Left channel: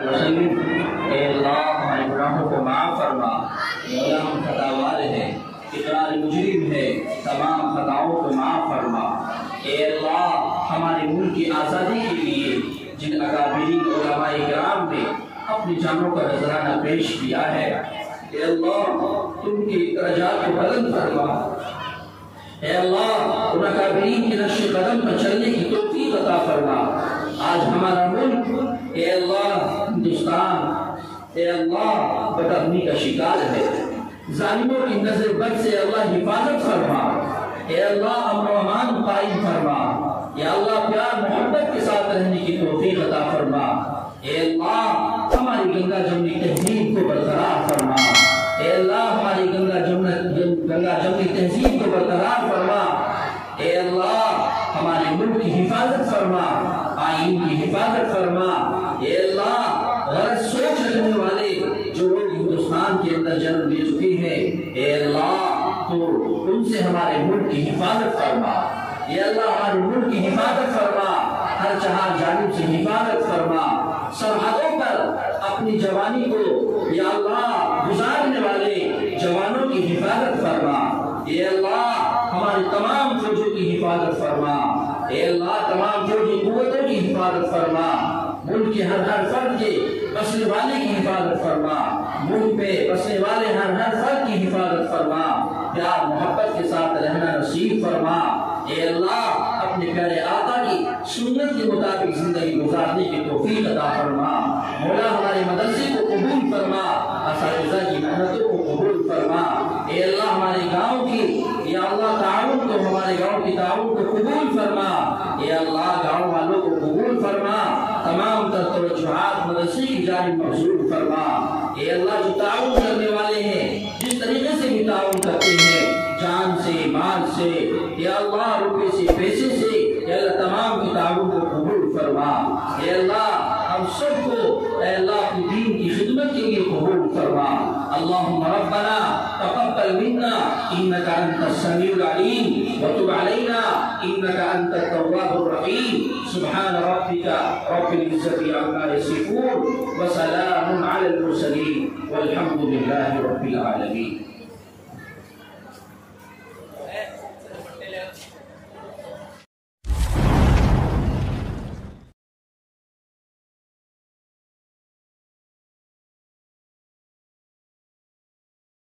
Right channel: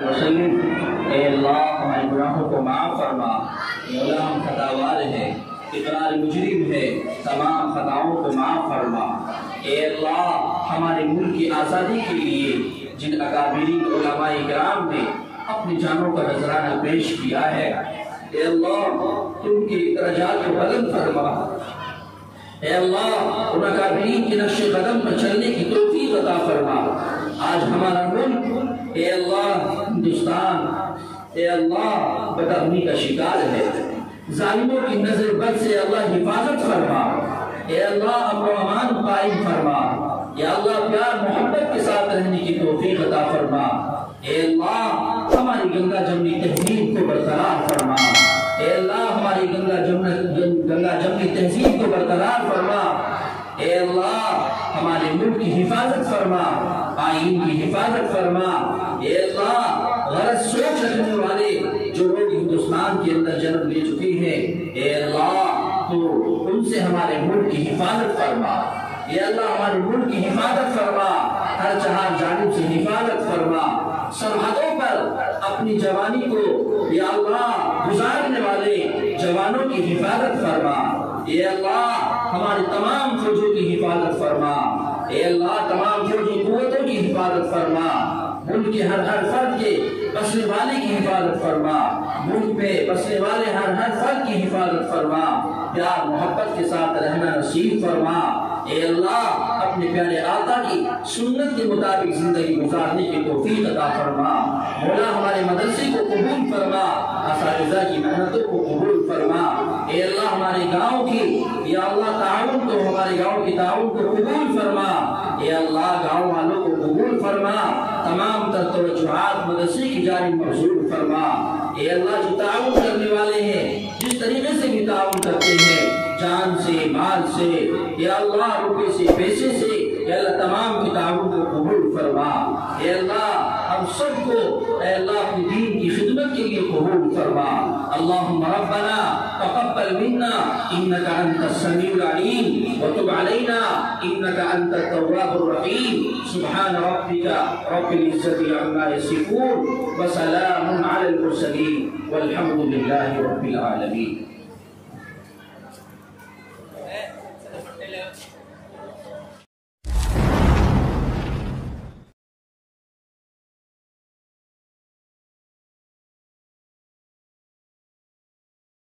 وسلم اے اللہ ہمارے گناہوں کو معاف فرما، مولا ہم خطاوار ہیں، اقرار مجرم ہے، تمام خطاؤں کو معاف فرما۔ اے اللہ ہمارے ملک کی آزادی کے لیے جن اکابرین علماء کرام نے اپنی جانوں کا نذرانہ پیش کیا ہے، اے اللہ ان کے درجات کو بلند فرما۔ اے اللہ ان اکابرین کے نقش قدم پر چلنے کی توفیق عطا فرما۔ آج ہمارا ملک اے اللہ ہندوستان اے اللہ بدامنی کا شکار ہے، ظالموں کی نظر بد سے اللہ حفاظت فرما۔ اے اللہ امن و امان قائم فرما۔ یا اللہ پیار محبت کے ساتھ رہنے کی توفیق عطا فرما۔ اے اللہ ہماری گنگا جمنی تہذیب کو برقرار فرما۔ اے اللہ ہماری گنگا جمنی تہذیب کو برقرار فرما۔ اے اللہ ہمارے ملک کی حفاظت فرما، آئین کی حفاظت فرما۔ اے اللہ غلط سوچ رکھنے والے جو لوگ ہندوستان کے اندر جنم لے چکے ہیں، اے اللہ تو ان سے ہمارے ملک کی حفاظت فرما۔ اے اللہ ہمارے ملک کی حفاظت فرما، ہر چہار جانب سے حفاظت فرما۔ سرحدوں پر اپنی جوانی کو یا اللہ گزارنے والے جوانوں کی حفاظت فرما۔ اے اللہ ہماری تمام فوجوں کی حفاظت فرما۔ اے اللہ تمام فوجی قوتوں کی حفاظت فرما۔ ملک کے ہر فرد کے بسنے والے کی حفاظت فرما۔ ملک پہ بسنے والے ہر فرد کی حفاظت فرما۔ پیار محبت کے ساتھ رہنا نصیب فرما۔ اے اللہ اپنے پیارے آقا کی سنت کے مطابق زندگی گزارنے کی توفیق عطا فرما۔ مولا ہمارے مدرسے کو قبول فرما، اساتذہ کی محنتوں کو قبول فرما۔ اے اللہ ہمارے گاؤں کی یا اللہ تعاون کو، ہمارے گاؤں کی تعاون کو قبول فرما۔ اے اللہ گاؤں والوں کو قبول فرما، تمام تر توجہات مدرسے کی جانب مبذول فرما۔ اے اللہ جو تعاون کرنے والے ہیں، جس طریقے سے بھی تعاون کرتے ہیں، جان سے، مال سے، یا اللہ روپے سے، پیسے سے، یا اللہ تمام کی تعاون کو قبول فرما۔ اے اللہ ہم سب کو اے اللہ اپنی دین کی خدمت کے لیے قبول فرما۔ اللہم ربنا تقبل منا انك انت السميع العليم وتب علينا انك انت التواب الرحيم۔ سبحان ربك رب العزة عما يصفون وسلام على المرسلين والحمد لله رب العالمين۔